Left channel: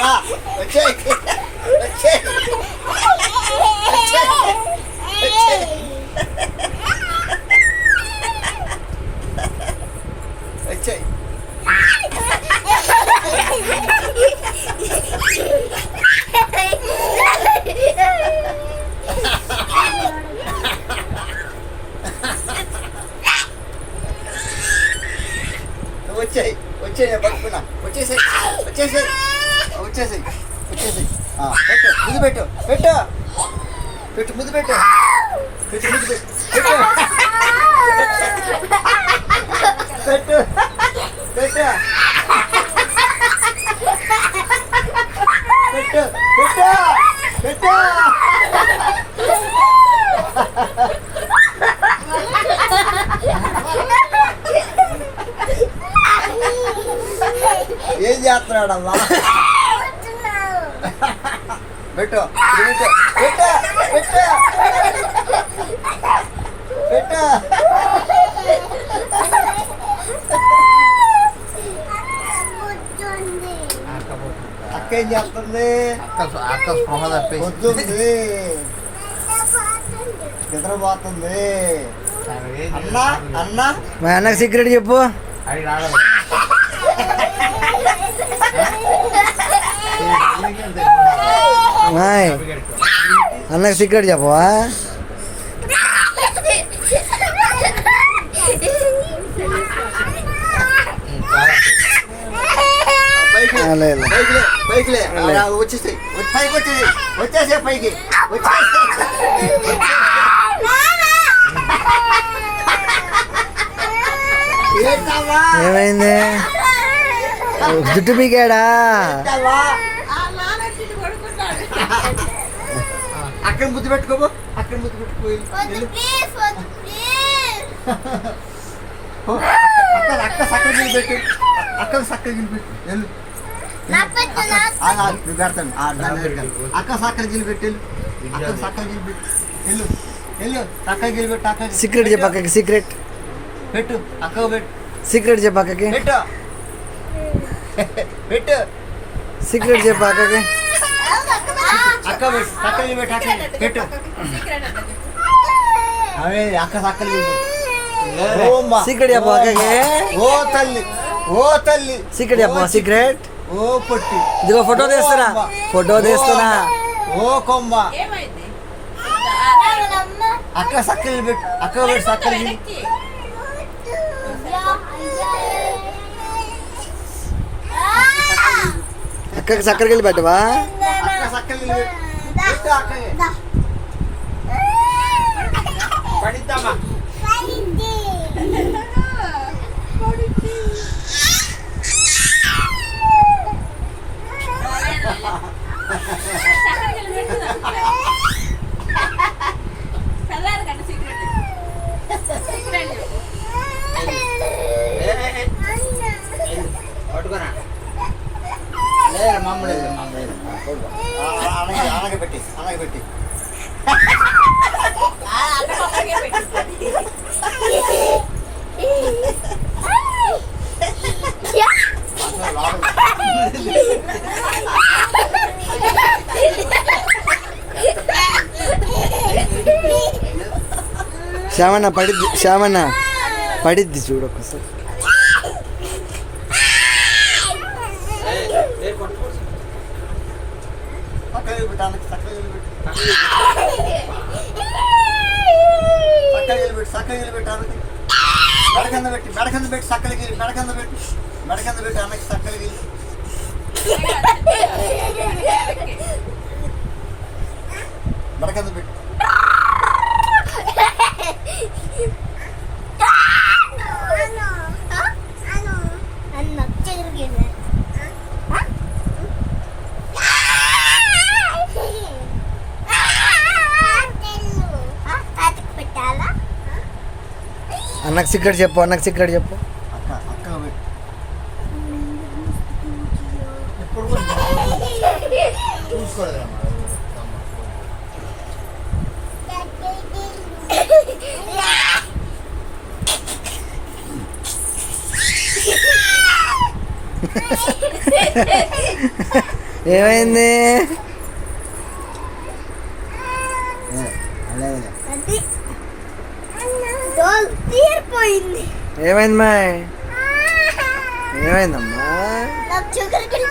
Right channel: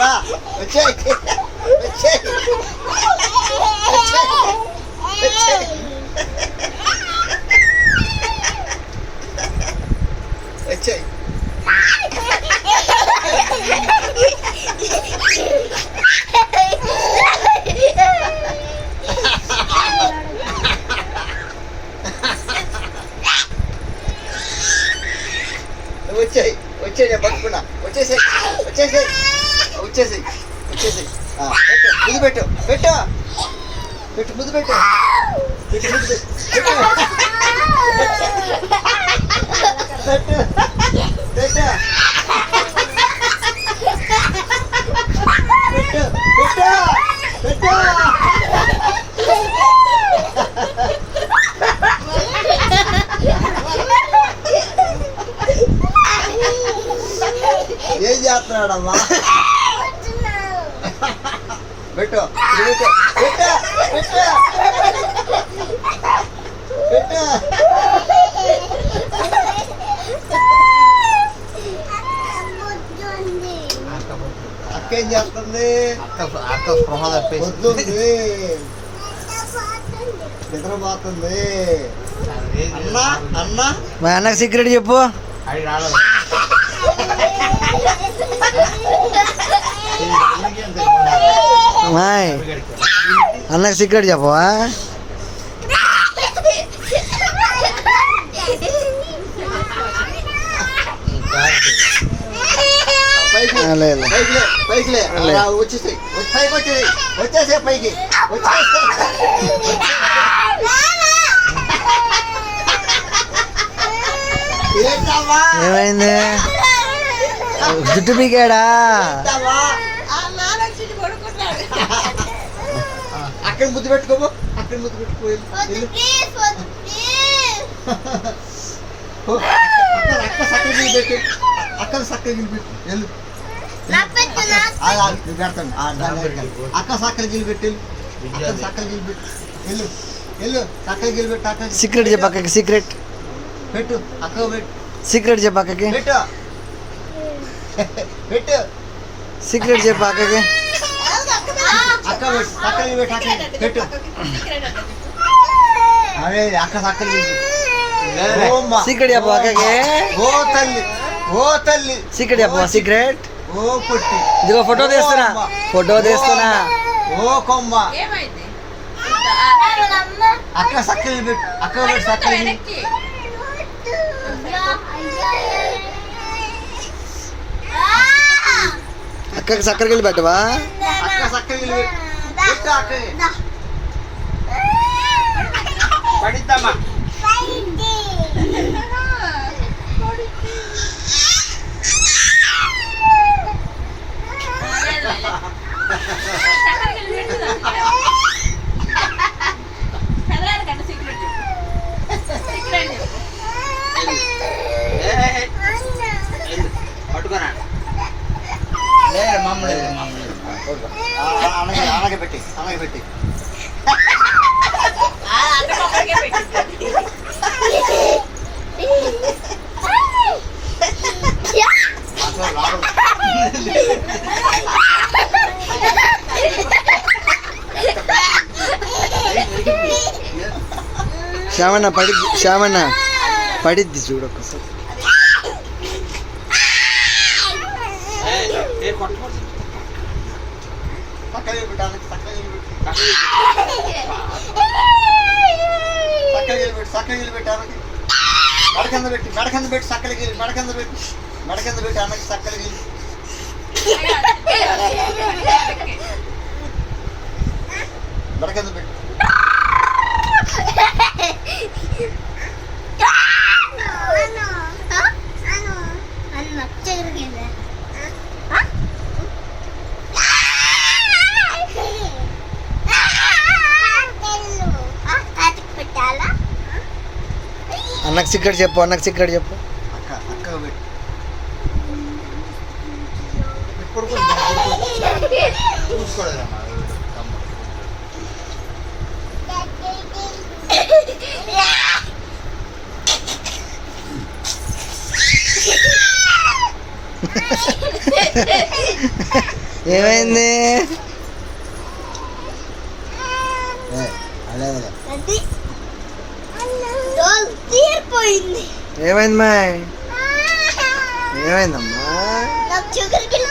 వచ్చేయ్ వచ్చేయ్ వచ్చేయ్. వచ్చేయి వచ్చేయి నేను పట్టుకున్నా. వచ్చేసేయి వచ్చేసేయి వచ్చేసేయి వచ్చేసేయి. పెట్టు ముద్దు పెట్టు పెట్టు పెట్టు ముద్దు పెట్టు పెట్టు ముద్దు పెట్టు పెట్టు పెట్టు పెట్టు పెట్టు. ఏం చేస్తున్నాడమ్మా? పెట్టు పెట్టు పెట్టు పెట్టు పెట్టు. అక్క ఏం చేస్తుంది? అక్క స్పృహ తప్పేసి వద్దుంది, నిద్రపోతుంది. అన్నా అన్నా మా అన్నకు సీక్రెట్ చెప్పు. అది రాలేదు. మాయ్ అన్నకు సీక్రెట్ చెప్పవా? లేదు పైకి వచ్చేసాయి పైకి వచ్చేసాయి వచ్చేసే పైకి ఏమైంది? జుట్టు పీకాడా? అక్కడ ముద్దు పెట్టుకోబో, అక్కడ ముద్దు పెట్టుకో. అక్క సక్కర గిల్లి పెట్టు, అక్క సక్కర గిల్లి పెట్టు. వెళ్ళు పెడతాను. అక్క సక్కర గిల్లి పెట్టు, అక్క సక్కర గిల్లి పెట్టు. వెళ్ళు వెళ్ళు సక్కర గిల్లి పెట్టు. అక్క సీక్రెట్ చెప్పు అక్కకి. సీక్రెట్ పెట్టు, అక్క పెట్టు. సీక్రెట్ చెప్పు అక్కకి. పెట్టు పెట్టు సీక్రెట్ చెప్పు అక్కకి. అక్క పెట్టు, సక్కర గిల్లి పెట్టు. అక్క పెట్టు. అదే అక్క సక్కర గిల్లి పెట్టు. సీక్రెట్ చెప్పు అక్కకి. ఓ తల్లి ఓ తల్లి సీక్రెట్ చెప్పు. సీక్రెట్. ఓ పొట్టి. ఇదిగో ఫోటో తీస్తున్నా, ఫోటో తీస్తున్నా. ఓ కొమ్మ. అక్క సక్కర పెట్టు, అక్క పెట్టు సక్కర గిల్లి. అక్కకి చక్కెర గిల్లి పెట్టవా? అక్క సక్కర గిల్లి పెట్టు. పెట్టు అక్కకి. పడిద్దామా? పట్టుకోనా? లేదు మమ్మల్ని అలాగే పెట్టి అలాగే పెట్టి. శ్యామన్న పడిద్ది, శ్యామన్న పడిద్ది చూడు ఒకసారి. మెడకంద పెట్టి మెడకంద పెట్టి సక్కల గిల్లి మెడకంద పెట్టి మెడకంద పెట్టి అన్నకి సక్కల గిల్లి. మెడకంద పెట్టి అన్నకు సీక్రెట్ చెప్పు. అన్నకు సీక్రెట్ చెప్పు. అక్క అక్క ఇప్పుడు చూసుకోలేదమ్మా. ఏమైంది? అలాగే అది డోల్ తీరిపోయింది. ఏమైంది మాయ్? ఏమైందమ్మా? నాకు షుగర్ బిల్